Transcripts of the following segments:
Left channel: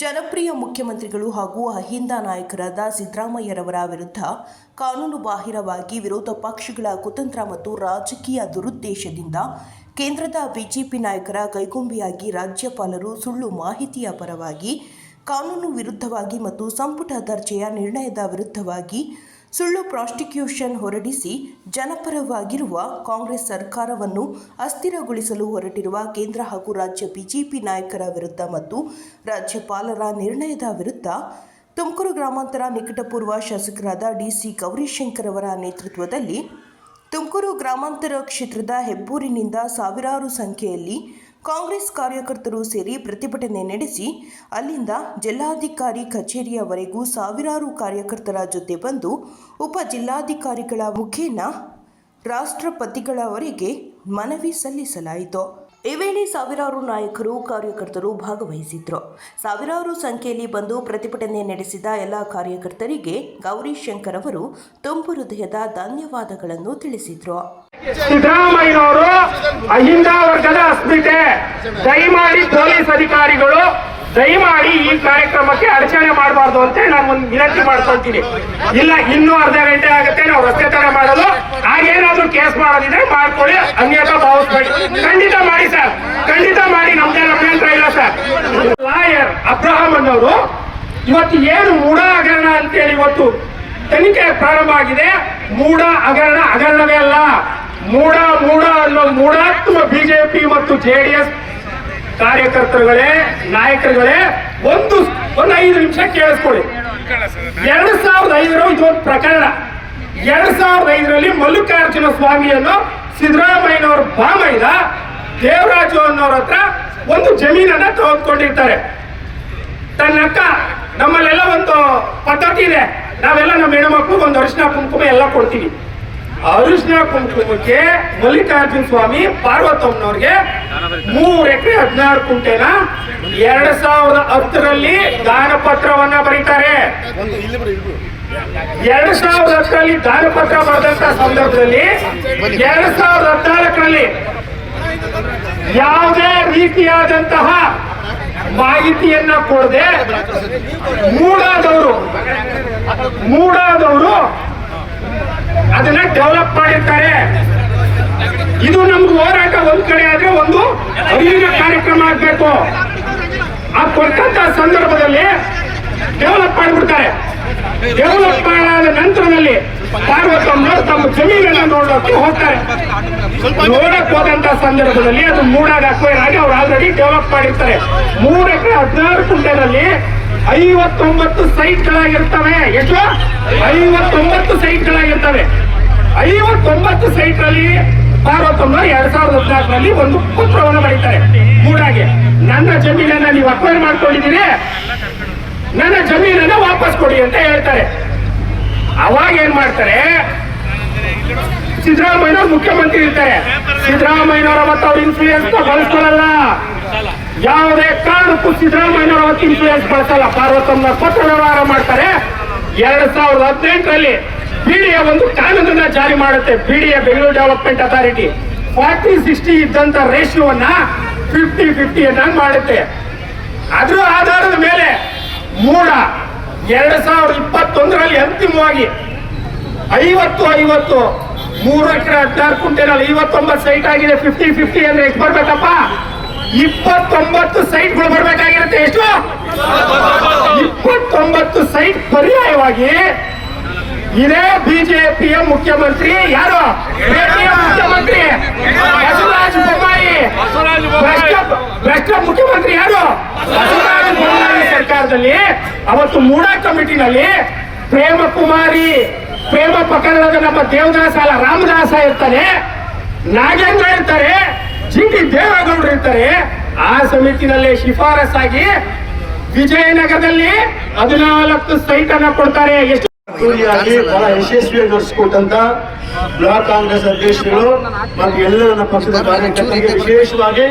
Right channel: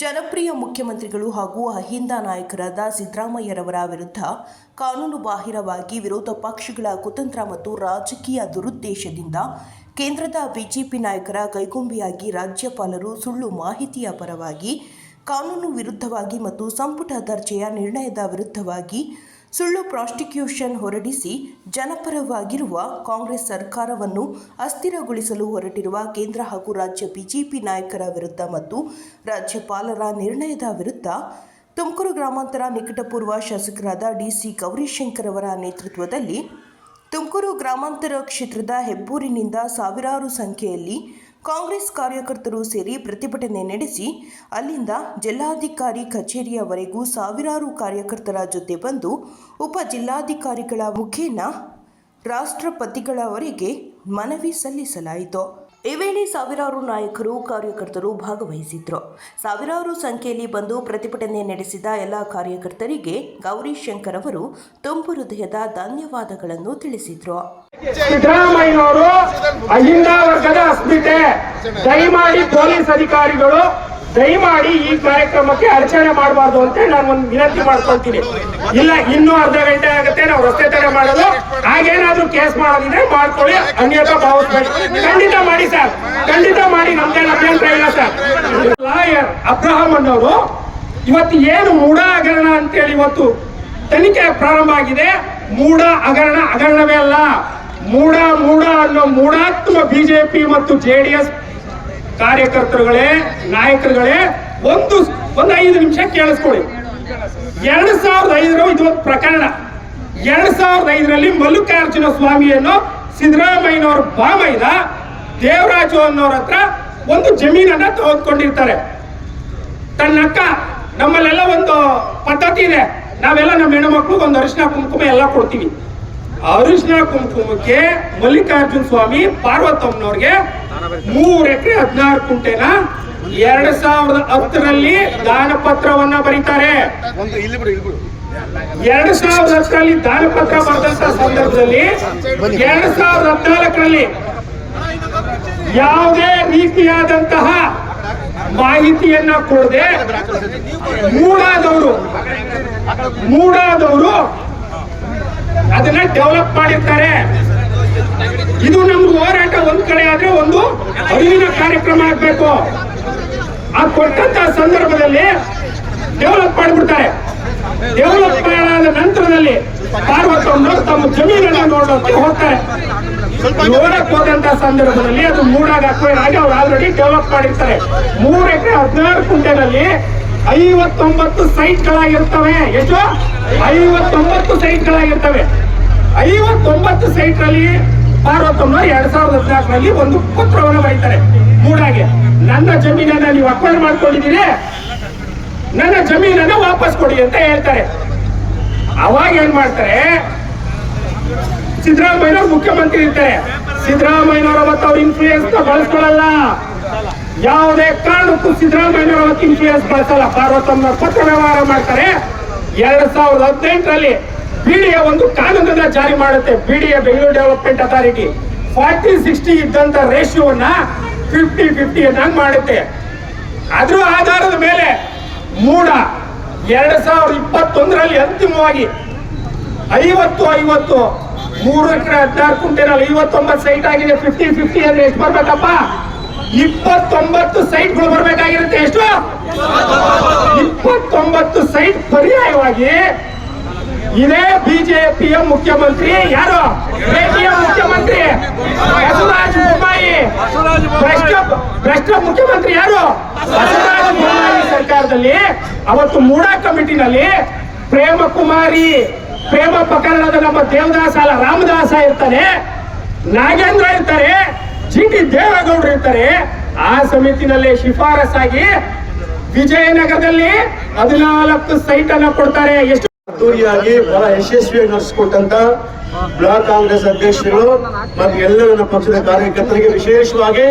ಜನಪ್ರಿಯ ಮುಖ್ಯಮಂತ್ರಿಗಳು ಹಾಗೂ ಅಹಿಂದ ನಾಯಕರಾದ ಸಿದ್ದರಾಮಯ್ಯರವರ ವಿರುದ್ಧ ಕಾನೂನು ಬಾಹಿರವಾಗಿ ವಿರೋಧ ಪಕ್ಷಗಳ ಕುತಂತ್ರ ಮತ್ತು ರಾಜಕೀಯ ದುರುದ್ದೇಶದಿಂದ ಕೇಂದ್ರದ ಬಿಜೆಪಿ ನಾಯಕರ ಕೈಗೊಂಬೆಯಾಗಿ ರಾಜ್ಯಪಾಲರು ಸುಳ್ಳು ಮಾಹಿತಿಯ ಪರವಾಗಿ, ಕಾನೂನು ವಿರುದ್ಧವಾಗಿ ಮತ್ತು ಸಂಪುಟ ದರ್ಜೆಯ ನಿರ್ಣಯದ ವಿರುದ್ಧವಾಗಿ ಸುಳ್ಳು ಪ್ರಾಸ್ಟಿಕ್ಯೂಷನ್ ಹೊರಡಿಸಿ ಜನಪರವಾಗಿರುವ ಕಾಂಗ್ರೆಸ್ ಸರ್ಕಾರವನ್ನು ಅಸ್ಥಿರಗೊಳಿಸಲು ಹೊರಟಿರುವ ಕೇಂದ್ರ ಹಾಗೂ ರಾಜ್ಯ ಬಿಜೆಪಿ ನಾಯಕರ ವಿರುದ್ಧ ಮತ್ತು ರಾಜ್ಯಪಾಲರ ನಿರ್ಣಯದ ವಿರುದ್ಧ ತುಮಕೂರು ಗ್ರಾಮಾಂತರ ನಿಕಟಪೂರ್ವ ಶಾಸಕರಾದ ಡಿಸಿ ಗೌರಿಶಂಕರ್ ಅವರ ನೇತೃತ್ವದಲ್ಲಿ ತುಮಕೂರು ಗ್ರಾಮಾಂತರ ಕ್ಷೇತ್ರದ ಹೆಬ್ಬೂರಿನಿಂದ ಸಾವಿರಾರು ಸಂಖ್ಯೆಯಲ್ಲಿ ಕಾಂಗ್ರೆಸ್ ಕಾರ್ಯಕರ್ತರು ಸೇರಿ ಪ್ರತಿಭಟನೆ ನಡೆಸಿ, ಅಲ್ಲಿಂದ ಜಿಲ್ಲಾಧಿಕಾರಿ ಕಚೇರಿಯವರೆಗೂ ಸಾವಿರಾರು ಕಾರ್ಯಕರ್ತರ ಜೊತೆ ಬಂದು ಉಪ ಜಿಲ್ಲಾಧಿಕಾರಿಗಳ ಮುಖೇನ ರಾಷ್ಟ್ರಪತಿಗಳವರಿಗೆ ಮನವಿ ಸಲ್ಲಿಸಲಾಯಿತು. ಈ ವೇಳೆ ಸಾವಿರಾರು ನಾಯಕರು, ಕಾರ್ಯಕರ್ತರು ಭಾಗವಹಿಸಿದ್ರು. ಸಾವಿರಾರು ಸಂಖ್ಯೆಯಲ್ಲಿ ಬಂದು ಪ್ರತಿಭಟನೆ ನಡೆಸಿದ ಎಲ್ಲ ಕಾರ್ಯಕರ್ತರಿಗೆ ಗೌರಿಶಂಕರ್ ಅವರು ತುಂಬು ಹೃದಯದ ಧನ್ಯವಾದಗಳನ್ನು ತಿಳಿಸಿದ್ರು. ಸಿದ್ದರಾಮಯ್ಯನವರು ಅಹಿಂದ ವರ್ಗದ ಅಸ್ಮಿತೆ. ದಯಮಾಡಿ ಪೊಲೀಸ್ ಅಧಿಕಾರಿಗಳು ದಯಮಾಡಿ ಈ ಕಾರ್ಯಕ್ರಮಕ್ಕೆ ಅಡಚಣೆ ಮಾಡಬಾರ್ದು ಅಂತ ನಾನು ಒಂದು ವಿನಂತಿ ಮಾಡ್ಕೊಳ್ತೀನಿ. ಇಲ್ಲ, ಇನ್ನೂ ಅರ್ಧ ಗಂಟೆ ಆಗುತ್ತೆ, ನಾವು ರಸ್ತೆ ತಡೆ ಮಾಡಲು ಹಾಗೇನಾದ್ರೂ ಕೇಸ್ ಮಾಡೋದಿದ್ರೆ ಮಾಡ್ಕೊಳ್ಳಿ ಅನ್ಯತಾ ಭಾವಿಸ್ಬೇಡಿ. ಖಂಡಿತ ಮಾಡಿ ಸರ್, ಖಂಡಿತ ಮಾಡಿ ನಮ್ಗೆ ಅಭ್ಯಂತರ ಇಲ್ಲ ಸರ್. ಲಾಯರ್ ಅಬ್ರಹಾಂ ಅನ್ನೋರು ಇವತ್ತು ಏನು ಮೂಢ ಹಗರಣ ಅಂತೇಳಿ ಇವತ್ತು ತನಿಖೆ ಪ್ರಾರಂಭ ಆಗಿದೆ. ಮೂಢ ಹಗರಣ, ಹಗರಣವೇ ಅಲ್ಲ. ಮೂಢ ಮೂಢ ಅನ್ನೋ ಮೂಢಾತ್ಮ ಬಿಜೆಪಿ ಮತ್ತು ಜೆಡಿಎಸ್ ಕಾರ್ಯಕರ್ತರುಗಳೇ, ನಾಯಕರುಗಳೇ, ಒಂದು ಒಂದು ಐದು ನಿಮಿಷ ಕೇಳಿಸ್ಕೊಳ್ಳಿ. ಎರಡು ಸಾವಿರದ ಐದರ ಇದೊಂದು ಪ್ರಕರಣ. ಎರಡ್ ಸಾವಿರದ ಐದರಲ್ಲಿ ಮಲ್ಲಿಕಾರ್ಜುನ ಸ್ವಾಮಿಯನ್ನು ಸಿದ್ದರಾಮಯ್ಯನವರು ಬಾಮೈದ ದೇವರಾಜು ಅನ್ನೋರ ಹತ್ರ ಒಂದು ಜಮೀನನ್ನ ತೆಗೆದುಕೊಂಡಿರ್ತಾರೆ. ತನ್ನ ಅಕ್ಕ ನಮ್ಮಲ್ಲೆಲ್ಲ ಒಂದು ಪದ್ಧತಿ ಇದೆ ನಾವೆಲ್ಲ ನಮ್ಮ ಹೆಣ್ಣು ಮಕ್ಕಳು ಒಂದು ಅರಿಶಿನ ಕುಂಕುಮ ಎಲ್ಲ ಕೊಡ್ತೀವಿ. ಅರಿಶಿನ ಕುಂಕುಮಕ್ಕೆ ಮಲ್ಲಿಕಾರ್ಜುನ ಸ್ವಾಮಿ ಪಾರ್ವತಮ್ಮನವ್ರಿಗೆ ಮೂರ್ ಎಕರೆ ಹದಿನಾರು ಕುಂಟೆನ ಎರಡ್ ಸಾವಿರದ ಹತ್ತರಲ್ಲಿ ದಾನ ಪತ್ರವನ್ನ ಬರೀತಾರೆ. ಎರಡ್ ಸಾವಿರದ ಹತ್ತರಲ್ಲಿ ದಾನ ಪತ್ರ ಬರೆದಂತ ಸಂದರ್ಭದಲ್ಲಿ ಎರಡ್ ಸಾವಿರದ ಹದಿನಾಲ್ಕರಲ್ಲಿ ಯಾವುದೇ ರೀತಿಯಾದಂತಹ ಮಾಹಿತಿಯನ್ನ ಕೊಡದೆ ಮೂಡಾದವರು ಮೂಡಾದವರು ಡೆವಲಪ್ ಮಾಡಿರ್ತಾರೆ ಇದು ನಮ್ಗೆ ಹೋರಾಟ. ಒಂದ್ ಕಡೆ ಆದ್ರೆ ಒಂದು ಅರಿವಿನ ಕಾರ್ಯಕ್ರಮ ಆಗ್ಬೇಕು. ಆ ಕೊಟ್ಟಂತ ಸಂದರ್ಭದಲ್ಲಿ ಡೆವಲಪ್ ಮಾಡ್ಬಿಡ್ತಾರೆ. ಡೆವಲಪ್ ಮಾಡಾದ ನಂತರದಲ್ಲಿ ತಮ್ಮ ಜಮೀನನ್ನ ನೋಡೋಕೆ ಹೋಗ್ತಾರೆ. ನೋಡಕ್ ಹೋದಂತ ಸಂದರ್ಭದಲ್ಲಿ ಅದು ಮೂಡಾಡಕ್ಕೆ ಹಾಗೆ ಅವ್ರು ಆಲ್ರೆಡಿ ಡೆವಲಪ್ ಮಾಡಿರ್ತಾರೆ. ಮೂರಕ್ಕೆ ಹದಿನಾರು ಕುಂಟೆನಲ್ಲಿ ಐವತ್ತೊಂಬತ್ತು ಸೈಟ್ಗಳಾಗಿರ್ತವೆ ಎಷ್ಟು? ಐವತ್ತೊಂಬತ್ತು ಸೈಟ್ಗಳಾಗಿರ್ತವೆ ಐವತ್ತೊಂಬತ್ತು ಸೈಟ್ನಲ್ಲಿ ಪಾರ್ವತಮ್ಮನವರು ಎರಡ್ ಸಾವಿರದ ಹದಿನಾಲ್ಕರಲ್ಲಿ ಒಂದು ಪತ್ರವನ್ನು ಬರೀತಾರೆ. ಮೂಡಾಗೆ, ನನ್ನ ಜಮೀನನ್ನ ನೀವು ಅಕ್ವೈರ್ ಮಾಡ್ಕೊಂಡಿದ್ದೀರಿ. ನನ್ನ ಜಮೀನನ್ನ ವಾಪಸ್ ಕೊಡಿ ಅಂತ ಹೇಳ್ತಾರೆ. ಅವಾಗ ಏನ್ ಮಾಡ್ತಾರೆ? ಸಿದ್ದರಾಮಯ್ಯ ಮುಖ್ಯಮಂತ್ರಿ ಇರ್ತಾರೆ. ಸಿದ್ದರಾಮಯ್ಯವರ ಅವತ್ತು ಅವ್ರ ಇನ್ಫ್ಲೂಯೆನ್ಸ್ ಬಳಸ್ಕೊಳ್ಳಲ್ಲ ಯಾವುದೇ ಕಾರಣಕ್ಕೂ ಸಿದ್ದರಾಮಯ್ಯವರ ಅವತ್ತು ಇನ್ಫ್ಲೂಯೆನ್ಸ್ ಬಳಸಲ್ಲ. ಪಾರ್ವತಮ್ಮ ಪತ್ರ ವ್ಯವಹಾರ ಮಾಡ್ತಾರೆ. ಎರಡ್ ಸಾವಿರದ ಹದಿನೆಂಟರಲ್ಲಿ ಬಿಡಿಎ ಒಂದು ಕಾನೂನನ್ನ ಜಾರಿ ಮಾಡುತ್ತೆ. BDA Bengaluru development authority. Forty, sixty ಇದ್ದಂತ ರೇಷಿಯೋನ ಫಿಫ್ಟಿ ಫಿಫ್ಟಿ ಅನ್ನಾಗಿ ಮಾಡುತ್ತೆ. ಅದರ ಆಧಾರದ ಮೇಲೆ ಮೂಡ ಎರಡ್ ಸಾವಿರದ ಇಪ್ಪತ್ತೊಂದರಲ್ಲಿ ಅಂತಿಮವಾಗಿ ಐವತ್ತು ಐವತ್ತು, ಮೂರು ಎಕರೆ ಹದಿನಾರು ಕುಂಟೆನಲ್ಲಿ ಐವತ್ತೊಂಬತ್ತು ಸೈಟ್ ಆಗಿದೆ. ಫಿಫ್ಟಿ ಫಿಫ್ಟಿ ಅಂದ್ರೆ ಎಷ್ಟು ಬರ್ಬೇಕಪ್ಪ? ಇಪ್ಪತ್ತೊಂಬತ್ತು ಸೈಟ್ಗಳು ಬರ್ಬೇಕಾಗಿರುತ್ತೆ. ಎಷ್ಟು? ಇಪ್ಪತ್ತೊಂಬತ್ತು ಸೈಟ್ ಪರ್ಯಾಯವಾಗಿ ಇದೇ ಬಿಜೆಪಿಯ ಮುಖ್ಯಮಂತ್ರಿ ಯಾರು? ಮುಖ್ಯಮಂತ್ರಿ ಬಸವರಾಜ ಬೊಮ್ಮಾಯಿ. ಭ್ರಷ್ಟ ಮುಖ್ಯಮಂತ್ರಿ ಯಾರು? ಬಸವರಾಜ ಬೊಮ್ಮಾಯಿ ಸರ್ಕಾರದಲ್ಲಿ ಅವತ್ತು ಮೂಡಾ ಕಮಿಟಿನಲ್ಲಿ ಪ್ರೇಮ ಕುಮಾರಿ ಪ್ರೇಮ ಪ್ರಕರಣದ ನಮ್ಮ ದೇವದಾಸ ಅಲ್ಲ ರಾಮದಾಸ ಇರ್ತಾರೆ. ನಾಗೇಂದ್ರ ಇರ್ತಾರೆ. ಜಿ ಟಿ ದೇವೇಗೌಡರು ಇರ್ತಾರೆ. ಆ ಸಮಿತಿನಲ್ಲಿ ಶಿಫಾರಸ್ಸಾಗಿ ವಿಜಯನಗರದಲ್ಲಿ ಹದಿನಾಲ್ಕು ಸೈಟ್ ಅನ್ನ ಕೊಡ್ತಾರೆ. ಎಷ್ಟು ಅದ್ದೂರಿಯಾಗಿ ಬಹಳ ಯಶಸ್ವಿಯಾಗಿ ನಡೆಸಿಕೊಟ್ಟಂತ ಬ್ಲಾಕ್ ಕಾಂಗ್ರೆಸ್ ಅಧ್ಯಕ್ಷರು ಮತ್ತು ಎಲ್ಲ ನನ್ನ ಪಕ್ಷದ ಕಾರ್ಯಕರ್ತರಿಗೆ ವಿಶೇಷವಾಗಿ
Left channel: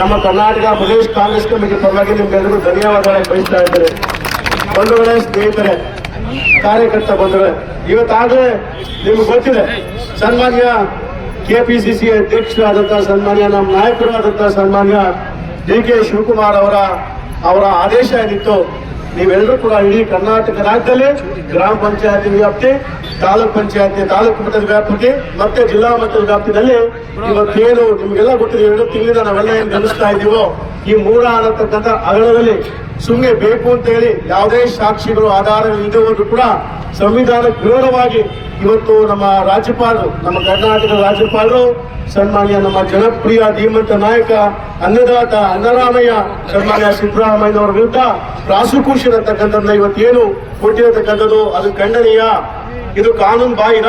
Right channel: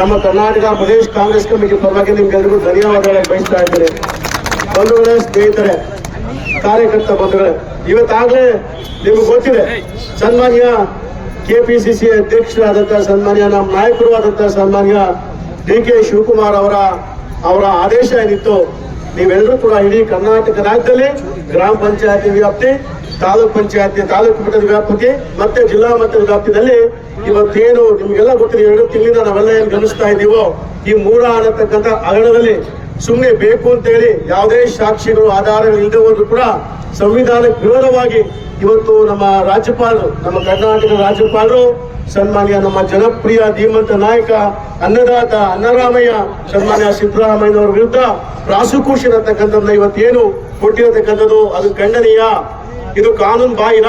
ನಮ್ಮ ಕರ್ನಾಟಕ ಪ್ರದೇಶ ಕಾಂಗ್ರೆಸ್ ಕಮಿಟಿ ಪರವಾಗಿ ನಿಮ್ಗೆಲ್ಲರಿಗೂ ಧನ್ಯವಾದಗಳನ್ನು ಬಯಸ್ತಾ ಇದ್ದೇನೆ. ಬಂಧುಗಳೇ, ಸ್ನೇಹಿತರೆ, ಕಾರ್ಯಕರ್ತ ಬಂಧುಗಳೇ ಇವತ್ತಾಗಲೇ ನಿಮ್ಗೆ ಗೊತ್ತಿದೆ, ಸನ್ಮಾನ್ಯ ಕೆಪಿಸಿಸಿ ಅಧ್ಯಕ್ಷರಾದಂತಹ ಸನ್ಮಾನ್ಯ ನಮ್ಮ ನಾಯಕರು ಆದಂತಹ ಸನ್ಮಾನ್ಯ ಡಿ ಕೆ ಶಿವಕುಮಾರ್ ಅವರ ಅವರ ಆದೇಶ ಏನಿತ್ತು ನೀವೆಲ್ಲರೂ ಕೂಡ ಇಡೀ ಕರ್ನಾಟಕ ರಾಜ್ಯದಲ್ಲಿ ಗ್ರಾಮ ಪಂಚಾಯತಿ ವ್ಯಾಪ್ತಿ, ತಾಲೂಕ್ ಪಂಚಾಯತಿ, ತಾಲೂಕು ಮಟ್ಟದ ವ್ಯಾಪ್ತಿ ಮತ್ತೆ ಜಿಲ್ಲಾ ಮಟ್ಟದ ವ್ಯಾಪ್ತಿನಲ್ಲಿ ಇವತ್ತೇನು ನಿಮ್ಗೆಲ್ಲ ಗೊತ್ತಿದೆ, ಎರಡು ತಿಂಗಳಿಂದ ನಾವೆಲ್ಲ ಏನ್ ಗಮನಿಸ್ತಾ ಇದ್ದೀವೋ, ಈ ಮೂಡ ಅನ್ನತಕ್ಕಂಥ ಅಗಲದಲ್ಲಿ ಸುಮ್ಮನೆ ಬೇಕು ಅಂತ ಹೇಳಿ ಯಾವುದೇ ಸಾಕ್ಷಿಗಳು, ಆಧಾರಗಳು ಇಲ್ಲದವರು ಕೂಡ ಸಂವಿಧಾನಕ್ಕೆ ವಿರೋಧವಾಗಿ ಇವತ್ತು ನಮ್ಮ ರಾಜ್ಯಪಾಲರು, ನಮ್ಮ ಕರ್ನಾಟಕದ ರಾಜ್ಯಪಾಲರು ಸನ್ಮಾನ್ಯ ನಮ್ಮ ಜನಪ್ರಿಯ ಧೀಮಂತ ನಾಯಕ, ಅನ್ನದಾತ ಅನ್ನರಾಮಯ್ಯ, ಸನ್ಮಾನ್ಯ ಸಿದ್ದರಾಮಯ್ಯನವರ ವಿರುದ್ಧ ಪ್ರಾಸಿಕ್ಯೂಷನ್ ಅಂತಕ್ಕಂಥದ್ದನ್ನ ಇವತ್ತೇನು ಕೊಟ್ಟಿರತಕ್ಕಂಥದ್ದು? ಅದು ಖಂಡನೀಯ. ಇದು ಕಾನೂನು ಬಾಹಿರ,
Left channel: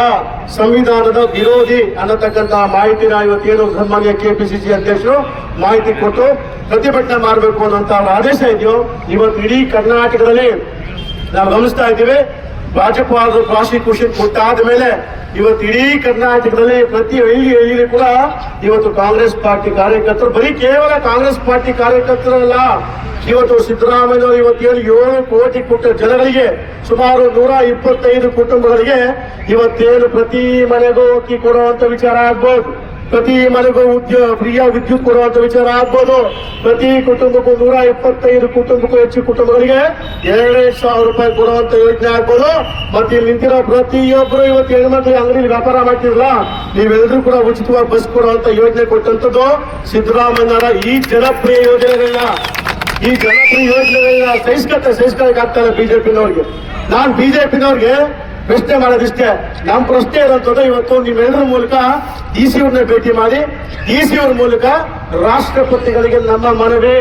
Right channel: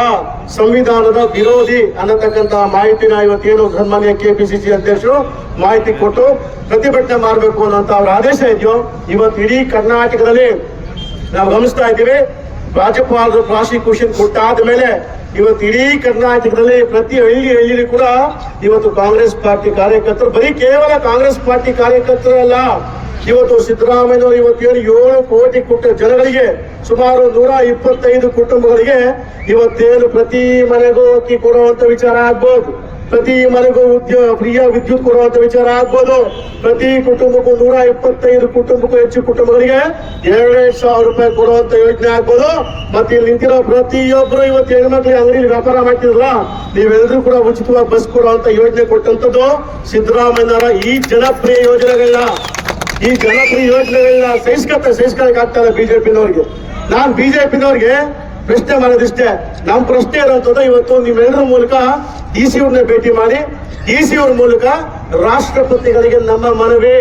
ಸಂವಿಧಾನದ ವಿರೋಧಿ ಅನ್ನತಕ್ಕಂತ ಮಾಹಿತಿನ ಇವತ್ತೇನು ಸನ್ಮಾನ್ಯ ಕೆಪಿಸಿಸಿ ಅಧ್ಯಕ್ಷರು ಮಾಹಿತಿ ಕೊಟ್ಟು ಪ್ರತಿಭಟನೆ ಮಾಡಬೇಕು ಅನ್ನುವಂತ ಅವರ ಆದೇಶ ಇದೆಯೋ, ಇವತ್ತು ಇಡೀ ಕರ್ನಾಟಕದಲ್ಲಿ ನಾವು ಗಮನಿಸ್ತಾ ಇದ್ದೀವಿ. ರಾಜ್ಯಪಾಲರು ಪ್ರಾಸಿಕ್ಯೂಷನ್ ಕೊಟ್ಟಾದ ಮೇಲೆ ಇವತ್ತು ಇಡೀ ಕರ್ನಾಟಕದಲ್ಲಿ ಪ್ರತಿ ಹಳ್ಳಿ ಹಳ್ಳಿ ಕೂಡ ಇವತ್ತು ಕಾಂಗ್ರೆಸ್ ಪಾರ್ಟಿ ಕಾರ್ಯಕರ್ತರು, ಬರೀ ಕೇವಲ ಕಾಂಗ್ರೆಸ್ ಪಾರ್ಟಿ ಕಾರ್ಯಕರ್ತರಲ್ಲ. ಇವತ್ತು ಸಿದ್ದರಾಮಯ್ಯನವರು ಇವತ್ತು ಏಳು ಕೋಟಿ ಕುಟ ಜನಗಳಿಗೆ, ಸುಮಾರು ನೂರ ಇಪ್ಪತ್ತೈದು ಕುಟುಂಬಗಳಿಗೆ ಇವತ್ತೇನು ಪ್ರತಿ ಮನೆಗೂ ಅಕ್ಕಿ ಕೊಡುವಂತ ವಿಚಾರ ಆಗ್ಬೋದು. ಪ್ರತಿ ಮನೆಗೂ ಉದ್ಯೋಗ ಫ್ರೀಯ ವಿದ್ಯುತ್ ಕೊಡುವಂತ ವಿಚಾರ ಆಗ್ಬೋದು. ಪ್ರತಿ ಕುಟುಂಬಕ್ಕೂ ನೂರ ಇಪ್ಪತ್ತೈದು ಕುಟುಂಬಕ್ಕೂ ಹೆಚ್ಚು ಕುಟುಂಬಗಳಿಗೆ ಎರಡೇ ಸಾವಿರ ರೂಪಾಯಿ ಕೊಡುವಂತ ಯೋಜನೆ ಆಗ್ಬೋದು. ಮತ್ತೆ ಇಲ್ಲಿ ನಿಂತಿರೋ ಪ್ರತಿಯೊಬ್ಬರು ಇವತ್ತು ಹೆಣ್ಮಕ್ಳಿಗೆ ಅಂಗಡಿ ವ್ಯಾಪಾರ ಮಾಡ್ತಿರಲ್ಲ ನೀವೆಲ್ಲರೂ ಕೂಡ ಉಚಿತವಾಗಿ ಬಸ್ ಕೊಡುವಂತ ಯೋಜನೆ ಕೊಟ್ಟಂತದ್ದು ಸಿದ್ದರಾಮಯ್ಯನವರ ಈ ಜನಪ್ರಿಯ ಯೋಜನೆಗಳನ್ನ. ಈ ಜನಪ್ರಿಯ ಯೋಜನೆಗಳನ್ನ ಸಹಿಸ್ಕೊತ ಸಹಿಸ್ಕೊಳಕ್ ಆಗ್ತಾರೆ ಬಿಜೆಪಿನವ್ರಿಗೆ. ನಾನ್ ಬಿಜೆಪಿನವ್ರಿಗೆ ಪ್ರಶ್ನೆ ಮಾಡೋದಿಷ್ಟೇ. ನಮ್ಮ ಪ್ರಶ್ನೆ ಇರೋಂಥದ್ದು ಇವತ್ತು ನಿಮ್ಮೆಲ್ಲರ ಮೂಲಕ ಡಿ ಸಿ ಭೇಟಿ ಮಾಡಿ ಡಿ ಸಿ ಮೂಲಕ ರಾಷ್ಟ್ರಪತಿಗಳಿಗೆ ನಮ್ಮ ಮನವಿ.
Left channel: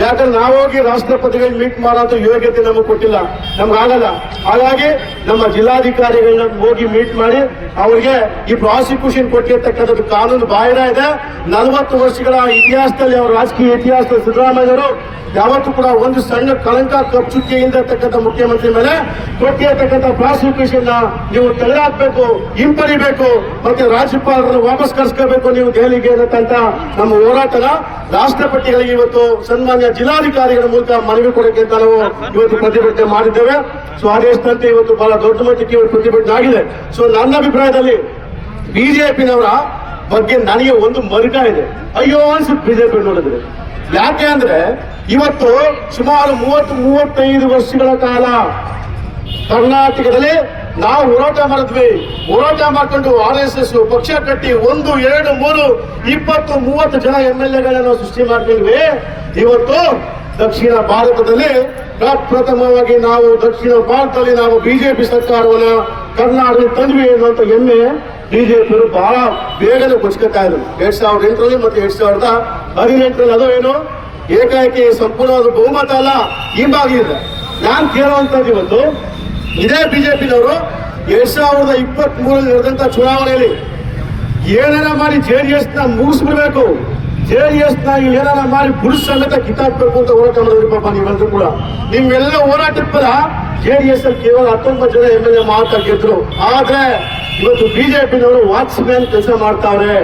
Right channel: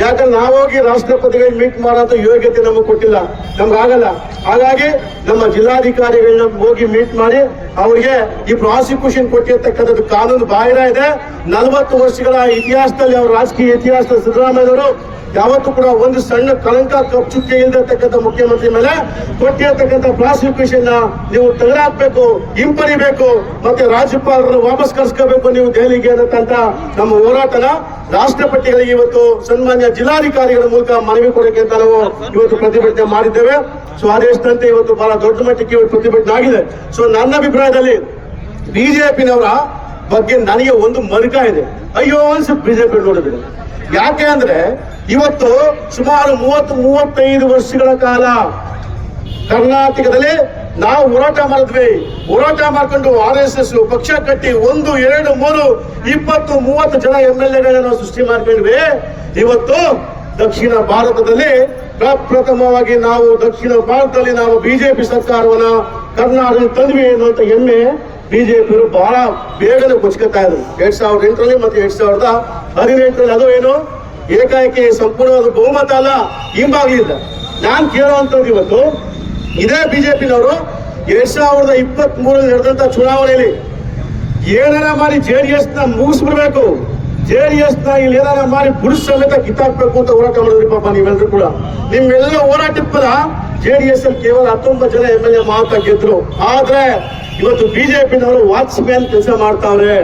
ಯಾಕಂದ್ರೆ ನಾವೋಗಿ ರಾಷ್ಟ್ರಪತಿಗಳು ಮೀಟ್ ಮಾಡೋ ಯೋಗ್ಯತೆ ನಮಗೆ ಕೊಟ್ಟಿಲ್ಲ. ನಮ್ಗೆ ಆಗಲ್ಲ. ಹಾಗಾಗಿ ನಮ್ಮ ಜಿಲ್ಲಾಧಿಕಾರಿಗಳನ್ನ ಹೋಗಿ ಮೀಟ್ ಮಾಡಿ ಅವ್ರಿಗೆ ಈ ಪ್ರಾಸಿಕ್ಯೂಷನ್ ಕೊಟ್ಟಿರ್ತಕ್ಕಂಥದ್ದು ಕಾನೂನು ಬಾಹಿರ ಇದೆ. ನಲವತ್ತು ವರ್ಷಗಳ ಇತಿಹಾಸದಲ್ಲಿ ಅವ್ರ ರಾಜಕೀಯ ಇತಿಹಾಸದಲ್ಲಿ ಸಿದ್ದರಾಮಯ್ಯವರು ಯಾವತ್ತು ಕೂಡ ಒಂದು ಸಣ್ಣ ಕಳಂಕ ಕಪ್ಚುಕ್ಕೆ ಇಲ್ಲದಿರ್ತಕ್ಕಂಥ ಮುಖ್ಯಮಂತ್ರಿ ಮೇಲೆ ಕೊಟ್ಟಿರ್ತಕ್ಕಂಥ ಪ್ರಾಸಿಕ್ಯೂಷನ್ ನೀವು ತೆಗೆದಾಕ್ಬೇಕು ಹಿಂಪಡಿಬೇಕು, ಮತ್ತೆ ರಾಜ್ಯಪಾಲರನ್ನು ವಾಪಸ್ ಕರ್ಸ್ಕೋಬೇಕು ನೀವು ದೆಹಲಿಗೆ ಅನ್ನತಕ್ಕಂಥ ನಮ್ಮ ಹೋರಾಟದ ರಾಷ್ಟ್ರಪತಿಗಳಿಗೆ ಇವತ್ತು ಸನ್ಮಾನ್ಯ ಜಿಲ್ಲಾಧಿಕಾರಿಗಳ ಮೂಲಕ ಮನವಿ ಕೊಡಕ್ಕೆ ಅಂತ ನಾವು ಇವತ್ತು ಪ್ರತಿಭಟನೆ ಮಾಡಿದ್ದೇವೆ. ಸೊ ಆದೇಶದಂತೆ ಇವತ್ತು ಬಹಳ ದೊಡ್ಡ ಮಟ್ಟಕ್ಕೆ ಪ್ರತಿಭಟನೆ ಆಗಿದೆ. ಸೊ ನನ್ನ ಅಭಿಪ್ರಾಯದಲ್ಲಿ ಬಿಜೆಪಿನವರ ಬಗ್ಗೆ ನನಗೆ ಒಂದು ಮರುಕ ಇದೆ. ಅಯ್ಯೋ, ಅನ್ಸುತ್ತೆ ಬಿಜೆಪಿ ನೋಡಿದ್ರೆ. ಯಾಕೆ ಅಂದ್ರೆ ಇವತ್ತು ಸುಮಾರು ಮೂವತ್ತು, ಮೂವತ್ತೈದು ವರ್ಷಗಳ ಕಾಲ ಕರ್ನಾಟಕದಲ್ಲಿ ನಾವು ಹೋರಾಟ ಮಾಡಿದ್ವಿ. ಹೋರಾಟ ಮಾಡ್ಕೊಂಡು ಆರ್ ಎಸ್ ಎಸ್ ಪಕ್ಷ ಕಟ್ಟಿ ಒಂದು, ಎರಡು, ಮೂರು, ಇಪ್ಪತ್ತು, ಮೂವತ್ತು ಜನ ಎಂ ಎಲ್ ಎಗಳನ್ನು ಸೃಷ್ಟಿ ಮಾಡ್ಕೊಂಡ್ವಿ. ಇವತ್ತು ದಕ್ಷಿಣ ಭಾರತದಲ್ಲಿ ಪ್ರಪ್ರಥಮವಾಗಿ ನಾವು ದಕ್ಷಿಣ ಭಾರತದಲ್ಲಿ ನಾವು ಬಿಜೆಪಿ ಸರ್ಕಾರವನ್ನ ಕರ್ನಾಟಕ ತಂದ್ವಿ ಅನ್ನುವಂಥ ಹೆಮ್ಮೆ ಬಿಜೆಪಿಯವರು ಬಹಳ ಬೇಗನೆ ಕೊಚ್ಕೊತಾ ಇದ್ರು. ಎರಡ್ ಸಾವಿರದ ಎಂಟರಲ್ಲಿ ಮತ್ತೆ ಎರಡ್ ಸಾವಿರದ ಹದಿನೆಂಟರಲ್ಲಿ ಅದು ಏನು? ಏಕಾಏಕಿ ಸಂಪೂರ್ಣವಾದ ಬಹುಮತ ಅಲ್ಲ ಹಿಂಬಾಗಿದೆ ನಾನು ಕೇಳುವಂತದ್ದು ಇವತ್ತು ಇದೇ ಬಿಜೆಪಿನವರು ಎರಡ್ ಸಾವಿರದ ಇಪ್ಪತ್ತ್ ಮೂರಲ್ಲಿ ನಡೆದಂತ ಚುನಾವಣೆಯಲ್ಲಿ ಏನಾರ ಮಾಡಿ ಜೆ ಡಿ ಎಸ್ನ ಮುಗಿಸ್ಬಿಡ್ಬೇಕು. ಜೆ ಡಿ ಎಸ್ನ ಇಲ್ಲಿ ಏನಾರ ಮಾಡಿ ಪುರುಷ ಸಮೇತ ಕಿತ್ತಾಕ್ಬೇಕು ಅಂತ ಹೋರಾಟ ಮಾಡಿದ್ರಿ ಪಾಪ ನೀವೆಲ್ಲರೂ ಕೂಡ. ನಿಮ್ಮೆಲ್ಲ ಹೋರಾಟದ ಜೆ ಡಿ ಎಸ್ ಅಲ್ಲಿ ಕೇವಲ ಹತ್ತೊಂಬತ್ತು ಜನ ಎಂ ಎಲ್ ಎ ಮಾತ್ರ ಗೆದ್ರು. ಆದ್ರೆ ಇವತ್ತು ಬಿಜೆಪಿನವರು ವಾಚ್ಮ್ಯಾನ್ ಕೆಲಸ ಮಾಡ್ತಾವ್ರೆ